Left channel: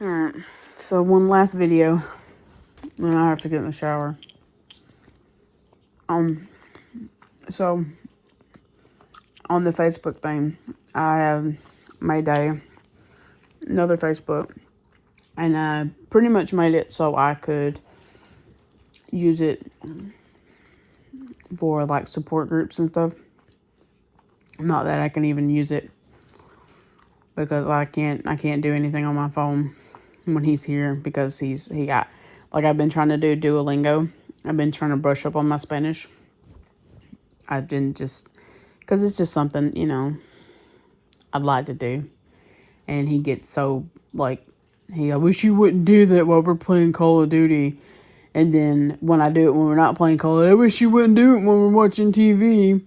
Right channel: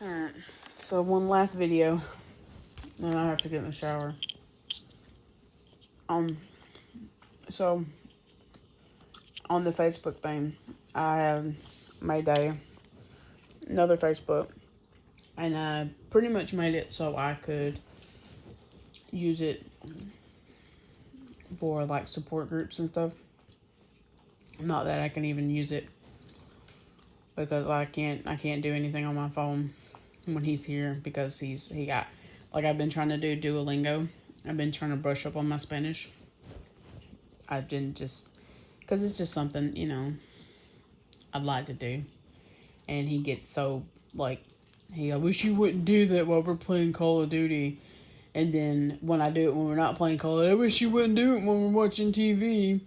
Alright, so one last video, and I have to get in the shower. So on the Facebook thing, I have made another Facebook, and I pretty much made it so I could use it for like support groups and stuff. Not that I can even use it because I can't do anything on my phone when he's here because he got, like, I've been trying to do Duolingo. I've been trying to brush up on my Spanish. I didn't just, because it's just something, I'd like to do. And he gets so, like, I wish you wouldn't do that while we're playing Call of Duty. And then when I do it when we're not playing Call of Duty, I wish you wouldn't do it when we're watching TV.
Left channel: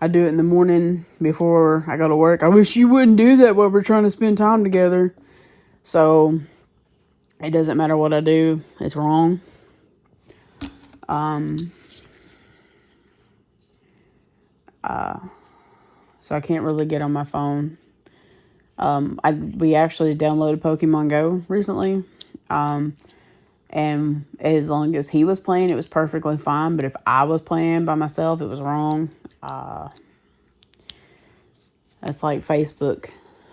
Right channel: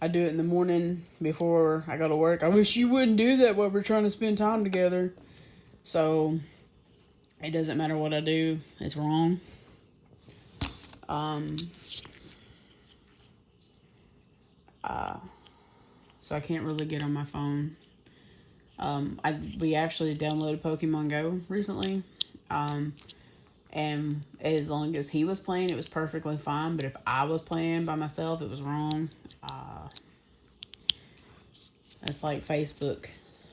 I do it in the morning before I go to work. I wish you wouldn't do that while we're trying to spend time together. So it doesn't matter what I do, it's wrong. So I can't really get on my phone. We actually downloaded Pokemon Go recently. And as long as he was playing, it was perfectly fine. But if I was playing by myself, it was wrong. That's like Facebook.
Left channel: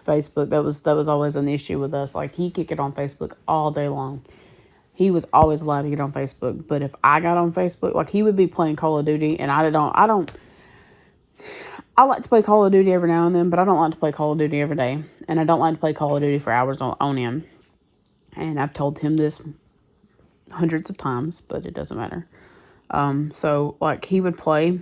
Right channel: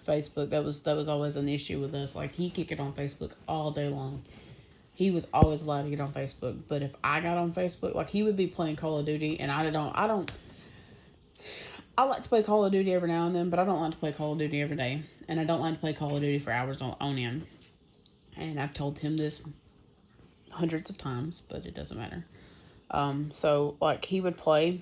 That was always an issue with us. Like, he could get on Facebook all day long. He was always allowed to get on Facebook. But if I got on Facebook, like, he would be playing Call of Duty, and I like to play Call of Duty every now and then, but I don't like to play Call of Duty every day. And I don't like to play Call of Duty for hours on end. And I've told him this hundreds of times, but it doesn't matter. So, like, he would play,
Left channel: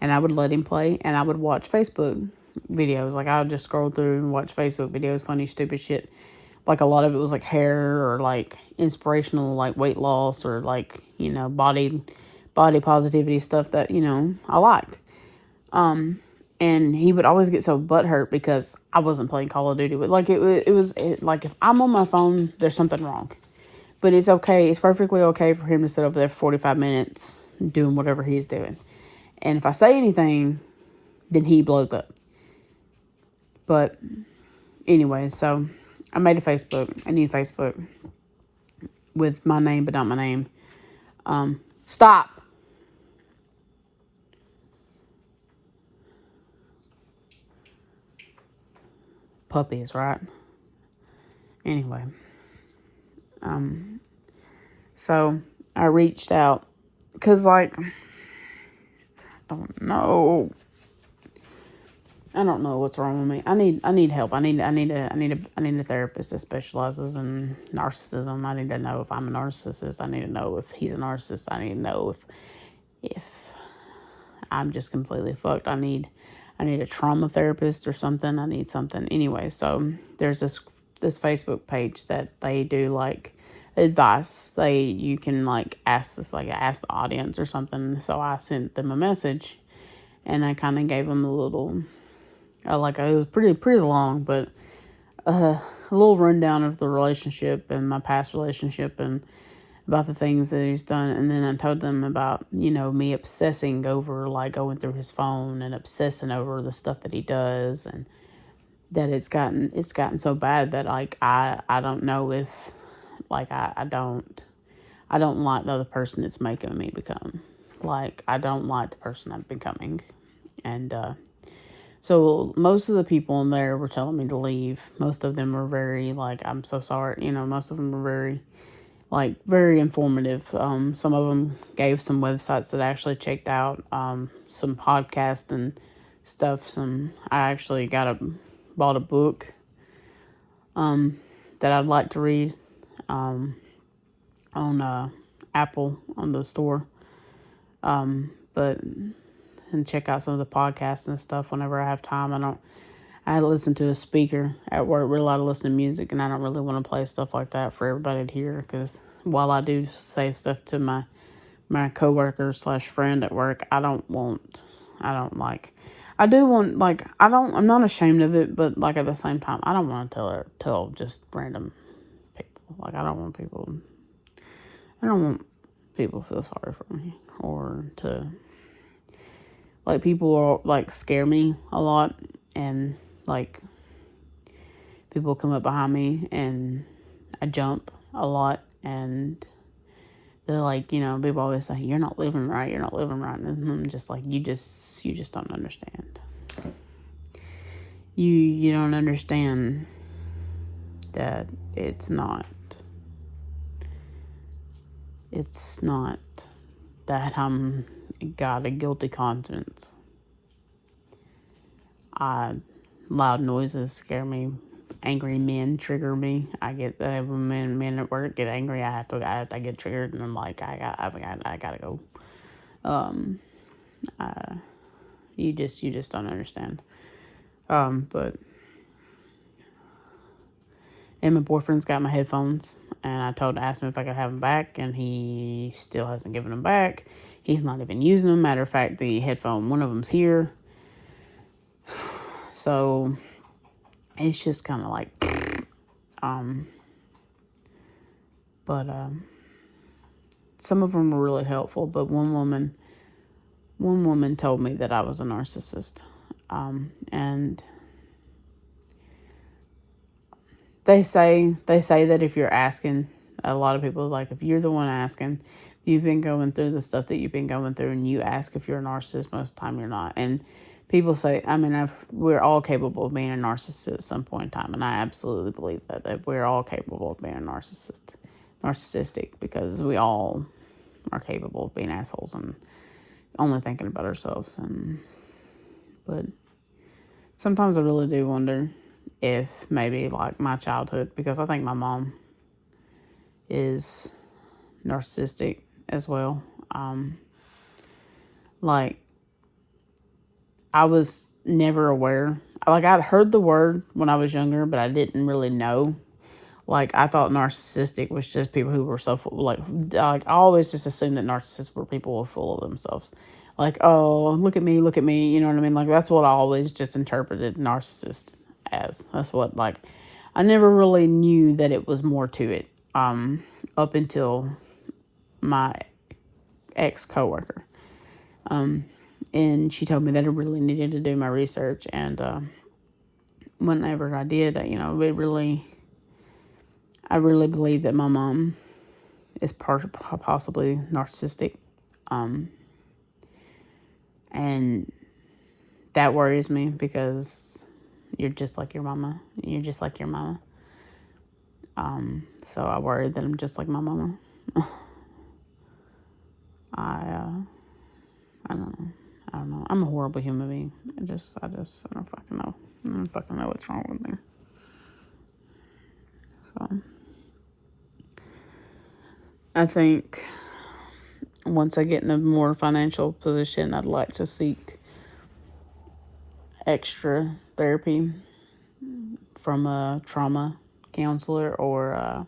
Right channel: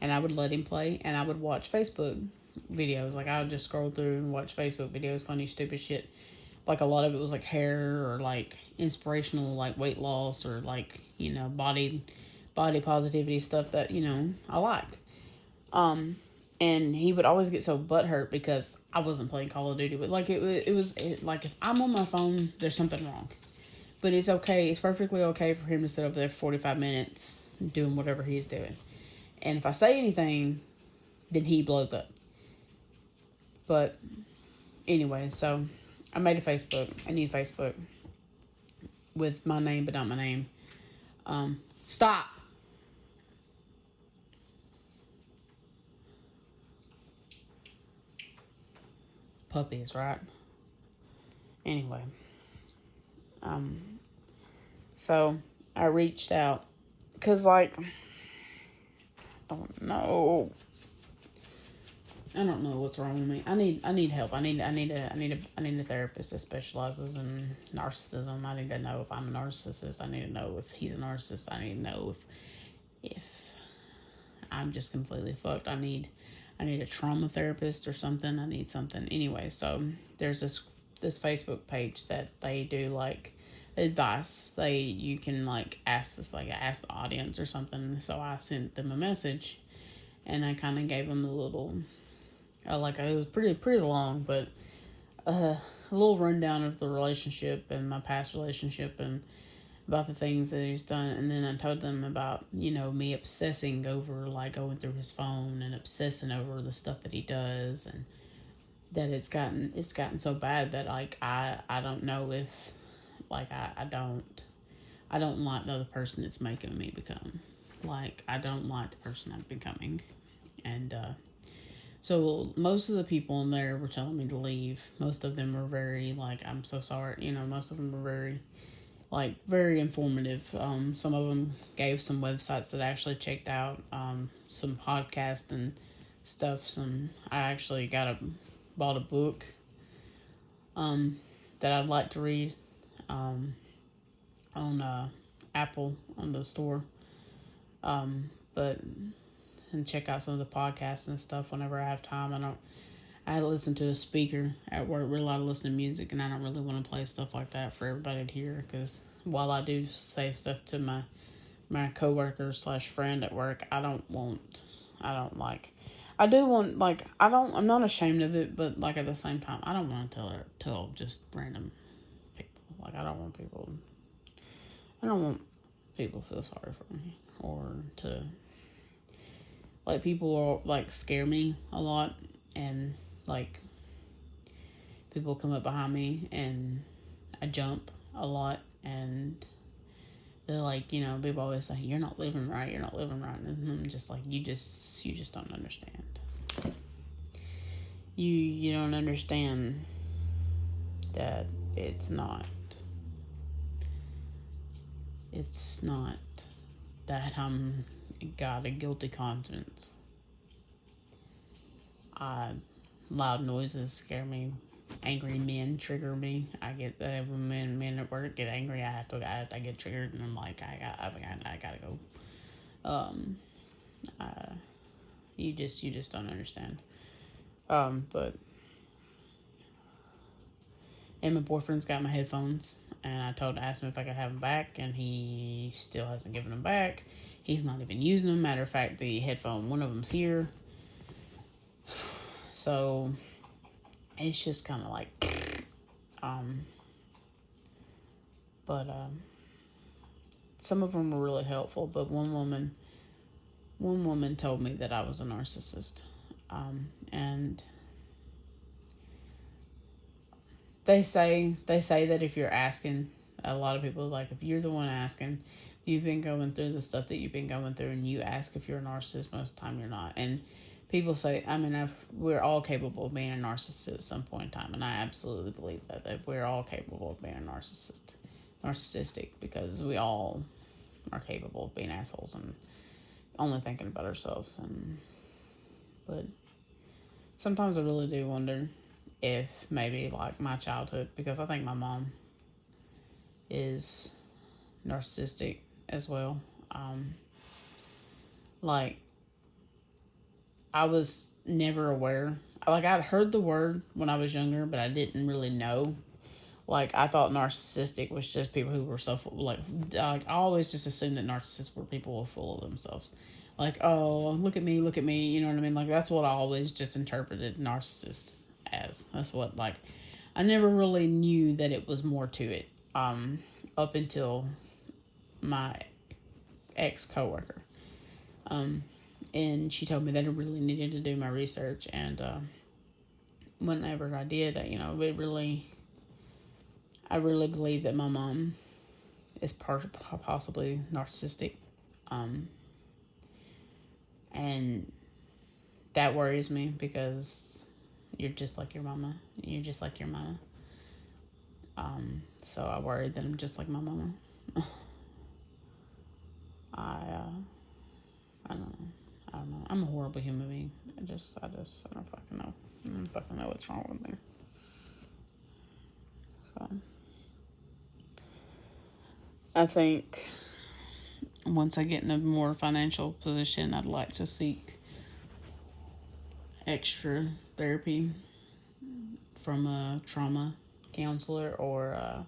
and I would let him play, and I would watch Facebook videos. Like, I would just scroll through and watch Facebook videos, funny, stupid shit. Like, a lot of it was, like, hair, or, like, inspirational, like, weight loss, or, like, body positivity stuff that, I liked. And he would always get so butthurt because I wasn't playing Call of Duty. But, like, like, if I'm on my phone, there's something wrong. But it's okay. It's perfectly okay for him to sit over there for 45 minutes doing whatever he's doing. And if I say anything, then he blows up. But anyway, so I made a Facebook, a new Facebook with my name, but not my name. Stop. Puppies, right? Anyway. So I reached out because, like, I don't know what's wrong with me. I need help. I need a therapist that specializes in narcissism. I need to know if I'm a narcissist. I need to know if he's a narcissist. I need to know if I'm just completely fucked. I need a trauma therapist or something. I need something. Anyway, so there's this Facebook page that they do, like, advice. You can, like, ask the audience or something. So I sent them a message, and I kind of gave them a little, it was pretty long, but a little rundown of the relationship and my past relationship and about the things that he's done. And then I told them about, me obsessing over, like, going through his phone and obsessing over the stuff that he does, and that it's gotten so bad that, like, I don't know if, like, I don't like the other person it's making me become. Like, I don't like the person I'm becoming. And so most of the people in there were telling me to leave. Most of them were very, like, I'm so sorry. Most of them were very, like, very informative. Some of them gave some websites that I actually checked out, some podcasts and stuff. I actually bought a book, that I'd like to read, on Apple, on the store. But and check out some of the podcasts and stuff whenever I have time. I listen to a speaker at work. We're allowed to listen to music, and I don't really want to play stuff like that for everybody to hear, because while I do say stuff to my coworker / friend at work, I'm not ashamed of it, but, like, at the same time, I don't want to tell just random people. Like, I don't want people to feel sorry for me, or to, like, people are, like, scare me a lot, and, like, people come up behind me and I jump a lot, and they're like, people always say, you're not living right, you're not living right. And I'm just like, you just don't understand. You don't understand that it's not that I'm got a guilty conscience. Loud noises scare me. Angry men trigger me. I get when men at work get angry. I get triggered, and I'm like, I gotta go. You just don't understand. But and my boyfriend's got my headphones, and I asked him if I could have them back, and he still hasn't given them back. He's not even using them. Matter of fact, one of them's here. So it's just kind of like, but some of them were really helpful. But one woman told me that I was a narcissist, and they say that if you're asking, a lot of people like, if you're the one asking, you've been going through the stuff that you've been going through, and you ask if you're a narcissist, most of the time you're not. And people say, we're all capable of being a narcissist at some point in time, and I absolutely believe that we're all capable of being narcissistic, because we all are capable of being assholes and only thinking about ourselves. But sometimes I really do wonder if maybe like my childhood, because I think my mom is narcissistic as well. Like, I was never aware. Like, I'd heard the word when I was younger, but I didn't really know. Like, I thought narcissistic was just people who were so full, like I always just assumed that narcissists were people who were full of themselves. Like, oh, look at me, you know what I mean? Like, that's what I always just interpreted narcissist as. That's what, like, I never really knew that it was more to it, up until my ex-coworker. And she told me that I really needed to do my research, and whenever I did, I really believe that my mom is possibly narcissistic, and that worries me, because you're just like your mama. So I worry that I'm just like my mama. I don't know. I'm a horrible human being. I don't fucking know. I don't fucking know what's wrong with me. So I think once I get in a more financial position, I'd like to seek extra therapy from a trauma counselor or a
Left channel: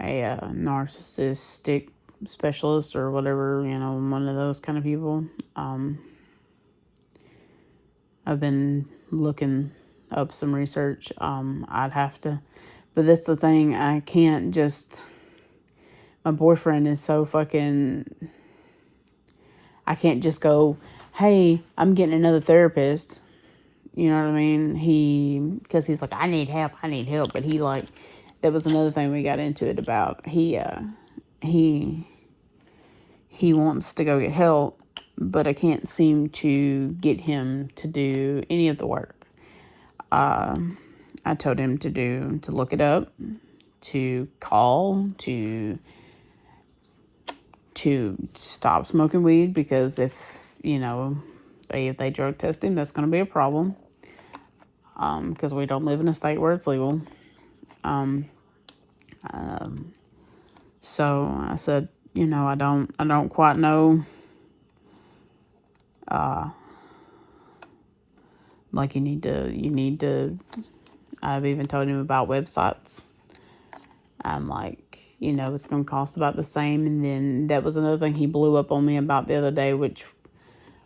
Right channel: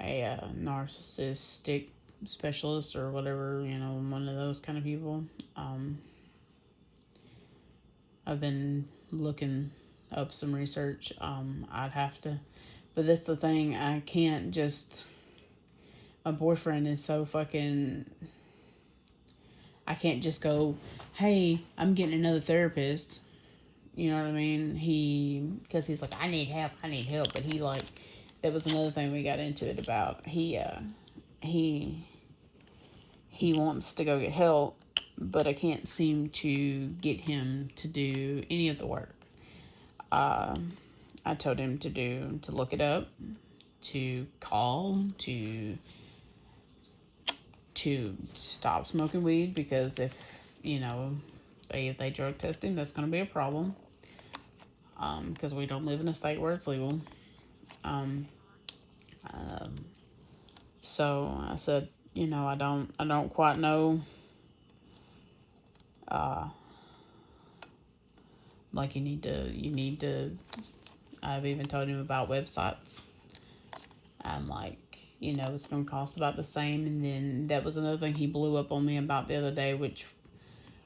narcissistic specialist or whatever, one of those kind of people. I've been looking up some research. I'd have to, but that's the thing. I can't just, my boyfriend is so fucking, I can't just go, hey, I'm getting another therapist. You know what I mean? Because he's like, I need help. But that was another thing we got into it about. He wants to go get help, but I can't seem to get him to do any of the work. I told him to look it up, to call, to stop smoking weed, because if they drug test him, that's going to be a problem. Because we don't live in a state where it's legal. So I said, I don't quite know. Like, you need to, I've even told him about websites. I'm like, it's going to cost about the same. And then that was another thing he blew up on me about the other day, which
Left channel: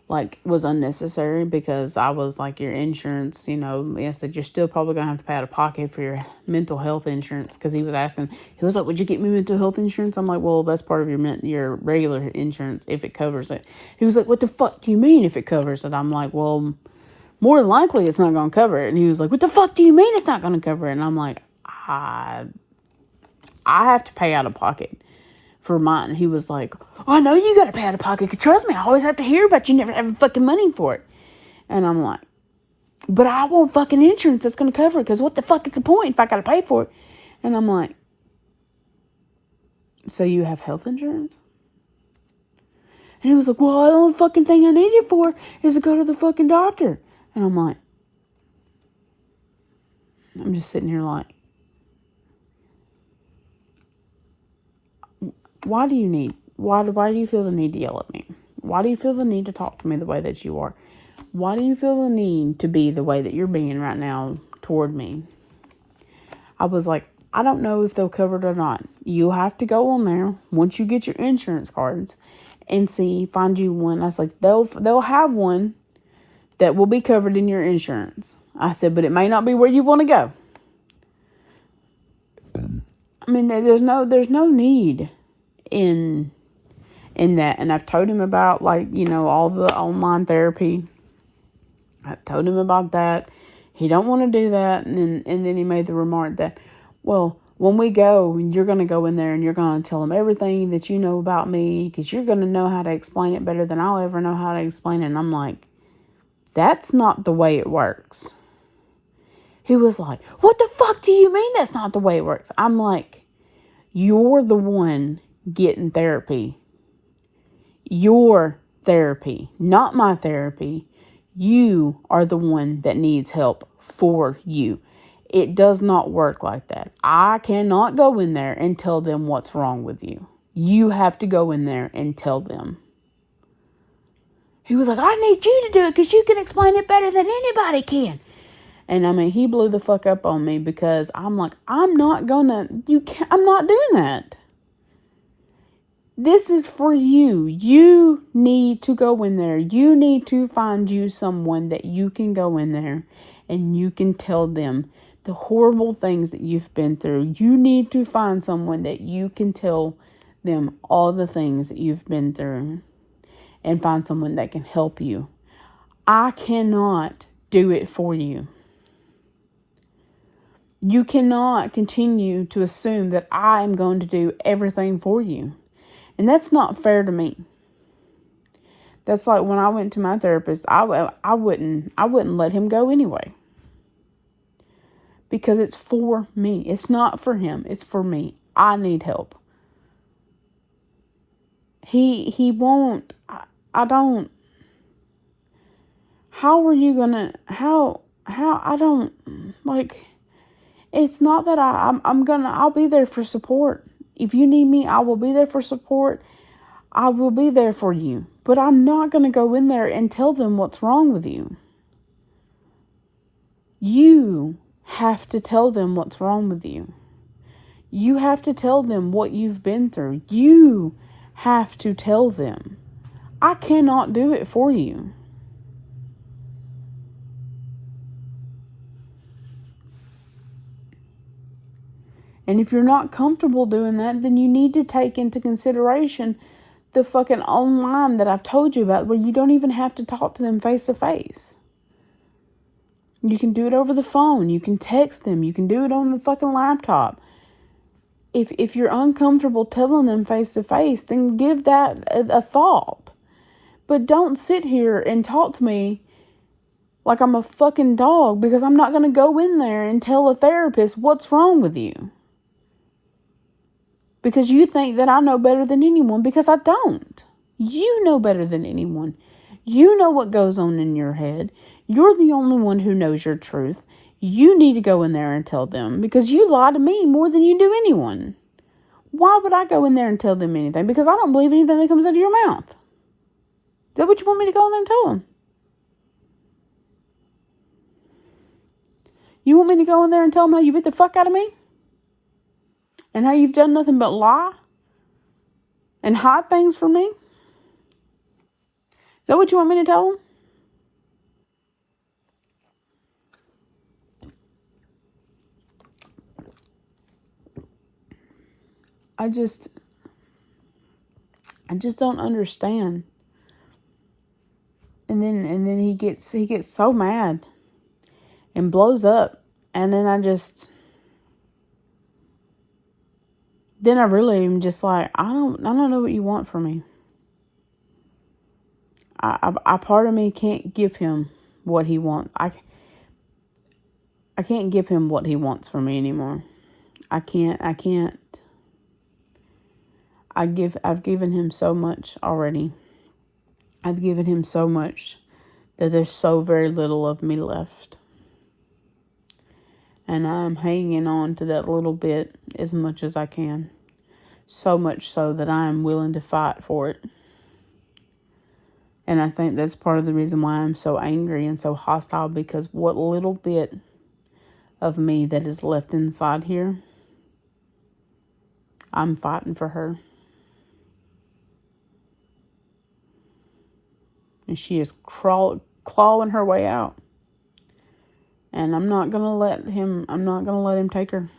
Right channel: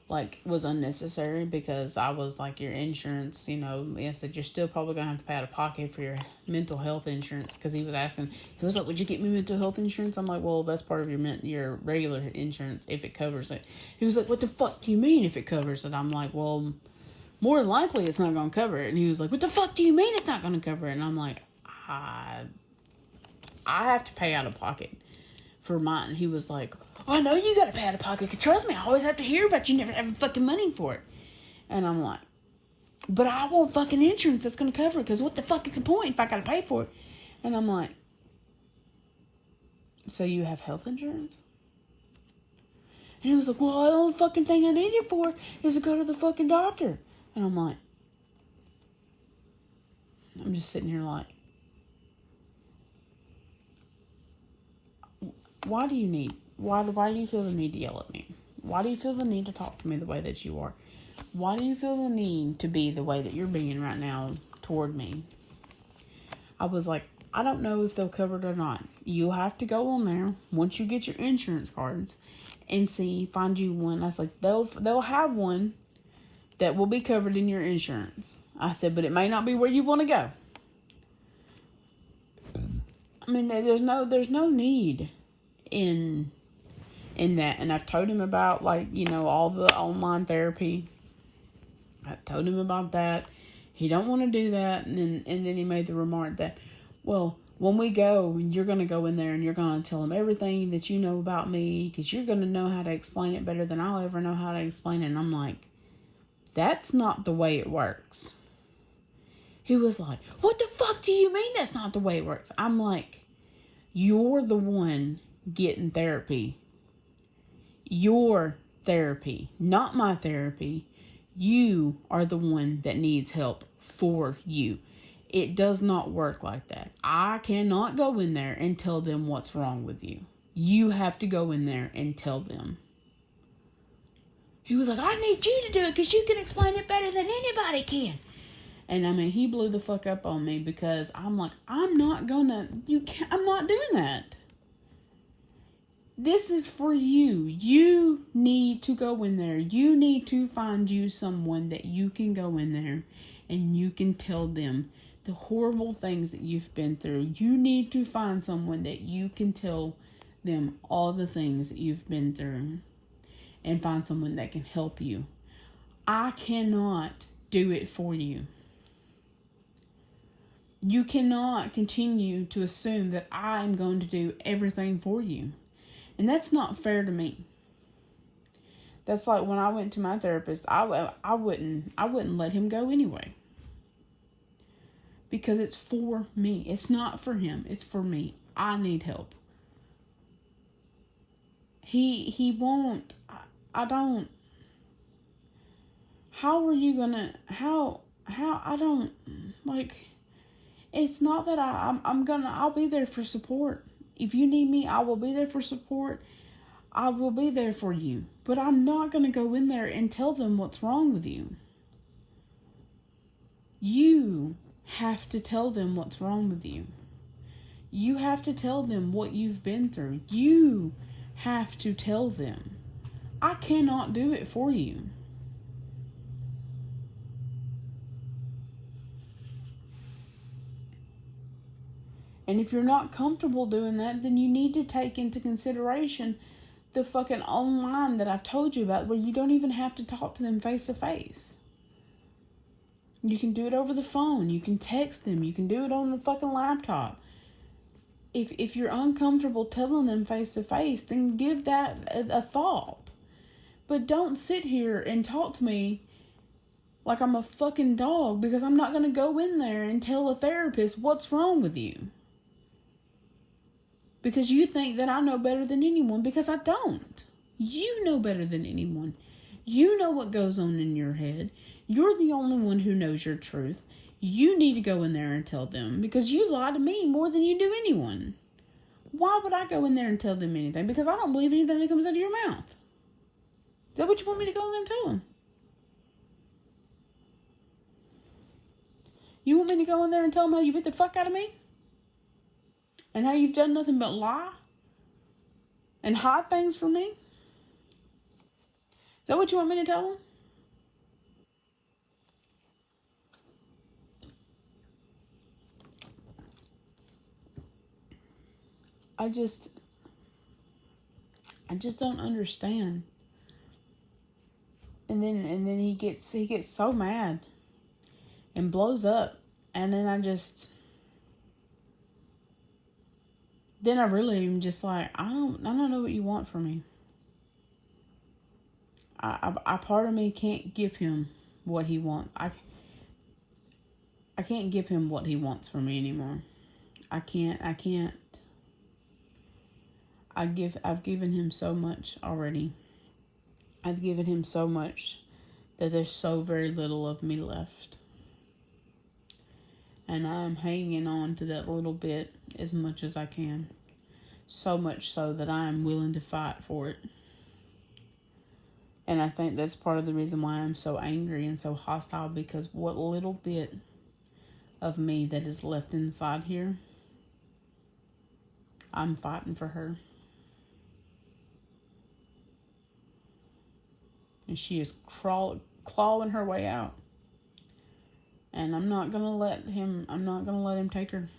was unnecessary, because I was like, your insurance, I said, you're still probably going to have to pay out of pocket for your mental health insurance. Because he was like, would you get me mental health insurance? I'm like, well, that's part of your regular insurance if it covers it. He was like, what the fuck do you mean if it covers it? I'm like, well, More than likely, it's not going to cover it. And he was like, what the fuck do you mean it's not going to cover it? And I'm like, I have to pay out of pocket for mine. He was like, oh, I know you got to pay out of pocket. Trust me, I always have to hear about you never having fucking money for it. And I'm like, but I want fucking insurance that's going to cover it, because what the fuck is the point if I got to pay for it? And I'm like, so you have health insurance? And he was like, well, the only fucking thing I need it for is to go to the fucking doctor. And I'm like, I'm just sitting here like, why do you feel the need to yell at me? Why do you feel the need to talk to me the way that you are? Why do you feel the need to be the way that you're being right now toward me? I was like, I don't know if they'll cover it or not. You have to go on there once you get your insurance cards and find you one. I was like, they'll have one that will be covered in your insurance. I said, but it may not be where you want to go. I mean, there's no need in that. And I've told him about, like, all the online therapy. I've told him about that. He don't want to do that. And then he made the remark that, well, when we go, you're going to go in there and you're going to tell them everything that you know about me, because you're going to know how to explain it better than I'll ever know how to explain it. And I'm like, that's not the way it works. He was like, what the fuck do you mean that's not the way it works? I'm like, you're the one getting therapy. Your therapy, not my therapy. You are the one that needs help for you. It does not work like that. I cannot go in there and tell them what's wrong with you. You have to go in there and tell them. He was like, I need you to do it because you can explain it better than anybody can. And I mean, he blew the fuck up on me, because I'm like, I'm not doing that. This is for you. You need to go in there. You need to find you someone that you can go in there and you can tell them the horrible things that you've been through. You need to find someone that you can tell them all the things that you've been through, and find someone that can help you. I cannot do it for you. You cannot continue to assume that I am going to do everything for you. And that's not fair to me. That's like when I went to my therapist, I wouldn't let him go anyway. Because it's for me. It's not for him. It's for me. I need help. He won't. I don't. How are you gonna? How I don't like. It's not that I'll be there for support. If you need me, I will be there for support. I will be there for you. But I'm not going to go in there and tell them what's wrong with you. You have to tell them what's wrong with you. You have to tell them what you've been through. You have to tell them. I cannot do it for you. And if you're not comfortable doing that, then you need to take into consideration the fucking online that I've told you about, where you don't even have to talk to them face to face. You can do it over the phone. You can text them. You can do it on the fucking laptop. If you're uncomfortable telling them face to face, then give that a thought. But don't sit here and talk to me like I'm a fucking dog, because I'm not going to go in there and tell a therapist what's wrong with you. Because you think that I know better than anyone, because I don't. You know better than anyone. You know what goes on in your head. You're the only one who knows your truth. You need to go in there and tell them, because you lie to me more than you do anyone. Why would I go in there and tell them anything? Because I don't believe anything that comes out of your mouth. Is that what you want me to go in there and tell them? You want me to go in there and tell them how you beat the fuck out of me? And how you've done nothing but lie? And hide things from me? Is that what you want me to tell them? I just don't understand. And then he gets so mad and blows up, and then I really am just like, I don't know what you want from me. I part of me can't give him what he wants. I can't give him what he wants from me anymore. I can't. I've given him so much already. I've given him so much that there's so very little of me left. And I'm hanging on to that little bit as much as I can. So much so that I am willing to fight for it. And I think that's part of the reason why I'm so angry and so hostile, because what little bit of me that is left inside here, I'm fighting for her. And she is clawing her way out. And I'm not going to let him take her.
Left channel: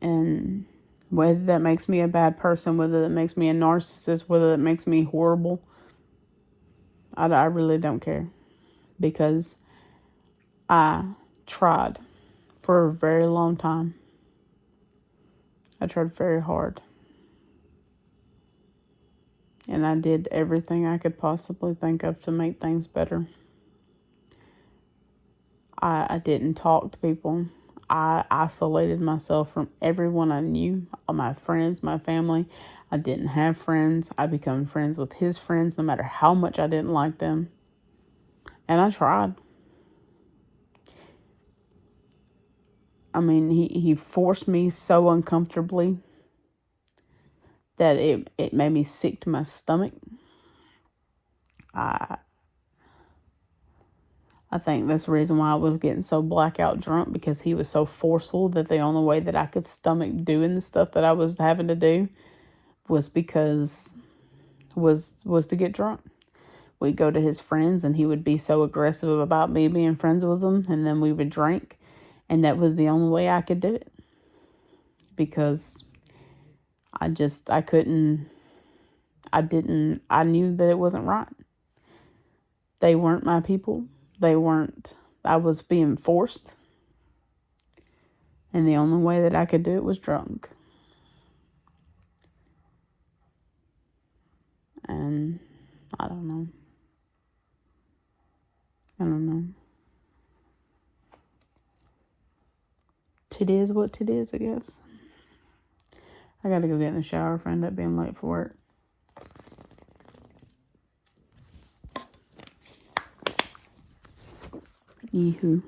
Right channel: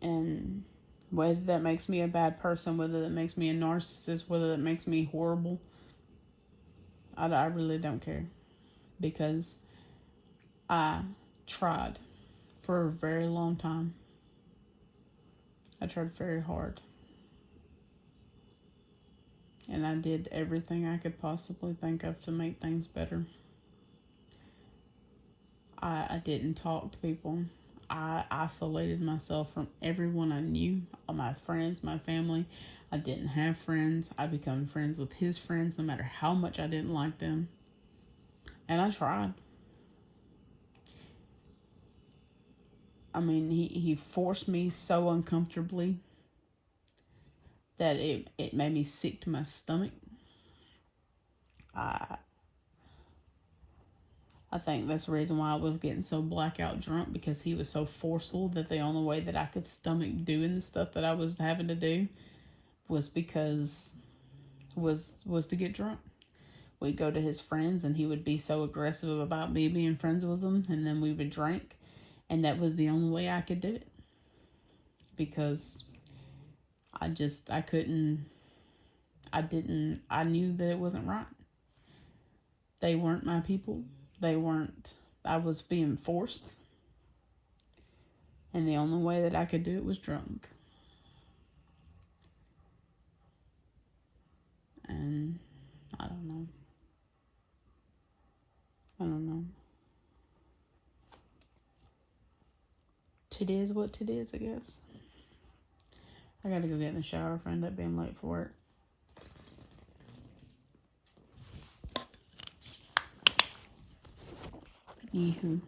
And whether that makes me a bad person, whether that makes me a narcissist, whether that makes me horrible, I really don't care. Because I tried for a very long time. I tried very hard. And I did everything I could possibly think of to make things better. I didn't talk to people. I isolated myself from everyone I knew, all my friends, my family. I didn't have friends. I became friends with his friends no matter how much I didn't like them. And I tried. I mean, he forced me so uncomfortably that it made me sick to my stomach. I think that's the reason why I was getting so blackout drunk, because he was so forceful that the only way that I could stomach doing the stuff that I was having to do was to get drunk. We'd go to his friends and he would be so aggressive about me being friends with them, and then we would drink, and that was the only way I could do it, because I knew that it wasn't right. They weren't my people. I was being forced. And the only way that I could do it was drunk. And I don't know. It is what it is, I guess. I gotta go get in the shower if I end up being late for work. Yee-hoo.